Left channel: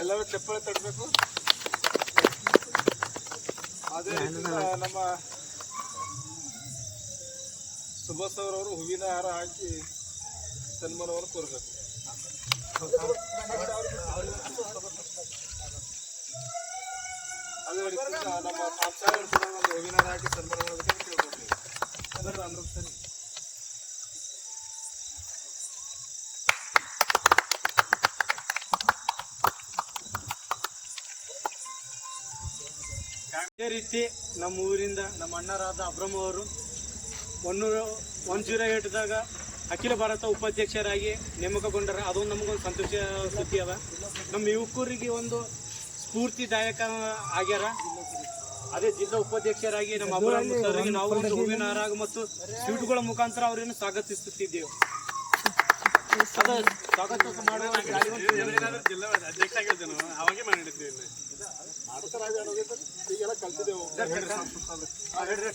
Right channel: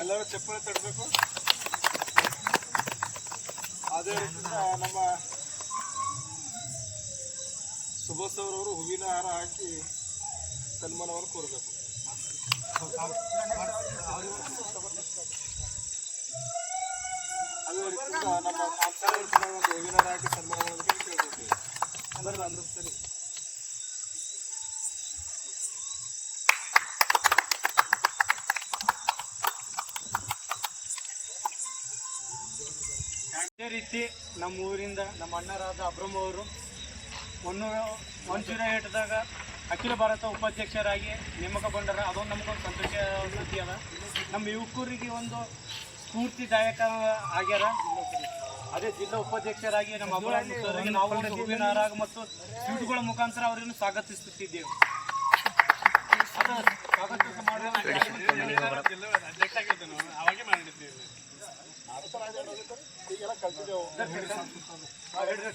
ಎಲ್ಲರೂ ಚಪ್ಪಲಿ ತಡಬೇಕು. ಅದೇ ರೀತಿಯಿಂದ ನಮ್ಮ ಸುಭಾಷ್ ಅವರವರು ಹೂವಿನ ಹಾರ ಹಾಕಿ ಸನ್ಮಾನವನ್ನು ಕೋರಬೇಕು. ಅದೇ ರೀತಿಯಿಂದ ನಮ್ಮ ಹೂವಿನ ಹಾರ ಹಾಕಿ ಸನ್ಮಾನ ಕೇಳ್ಕೊಡ್ತೀವಿ ಎಲ್ಲರೂ ಅಂದ್ರೆ ಅದೇ ರೀತಿ ನಮ್ಮ ಊರಿಂದ ನಮ್ಮ ಅಣ್ಣರಾದ ಅಬ್ರಹ್ಮ ಅವರು ಒನ್ನೂರ ಒನ್ ಜೀರೋ ಏಟ್ದಾಗ ಅಖಿಲ ಭಾರತ ಉಪಾಧ್ಯಕ್ಷರಾಗಿ ನೇಮಕಗೊಂಡರೆ ಅದೊಂದು ನಮಗೊಂದು ಸಂತೋಷ ಸುದ್ದಿ ಅದ. ನಮ್ಮ ಯುವಕರಿಗೆ ಒಂದು ಸ್ಫೂರ್ತಿದಾಯಕ ಆಗ್ಯಾರ. ಅದೇ ಜಿಲ್ಲಾ ಉಪಾಧ್ಯಕ್ಷರಾಗಿ ನಮ್ಮ ಅಬ್ರಹ್ಮ ಸರ್ಗೆ ನಾವು ಒಂದು ಹೂವಿನ ಹಾರಾಗ ಮತ್ತು ಸ್ವೀಟ್ಗಳ ಮುಖಾಂತರ ಅವರನ್ನು ಸ್ವಾಗತಿಸುತ್ತಿದ್ದೇವೆ. ಅದ ಸ್ವಾಗತ ಮಾಡುವ ಈಗೆಲ್ಲ ಕಲ್ತಿದ್ದೆವು ಹೇಳ್ರಿ.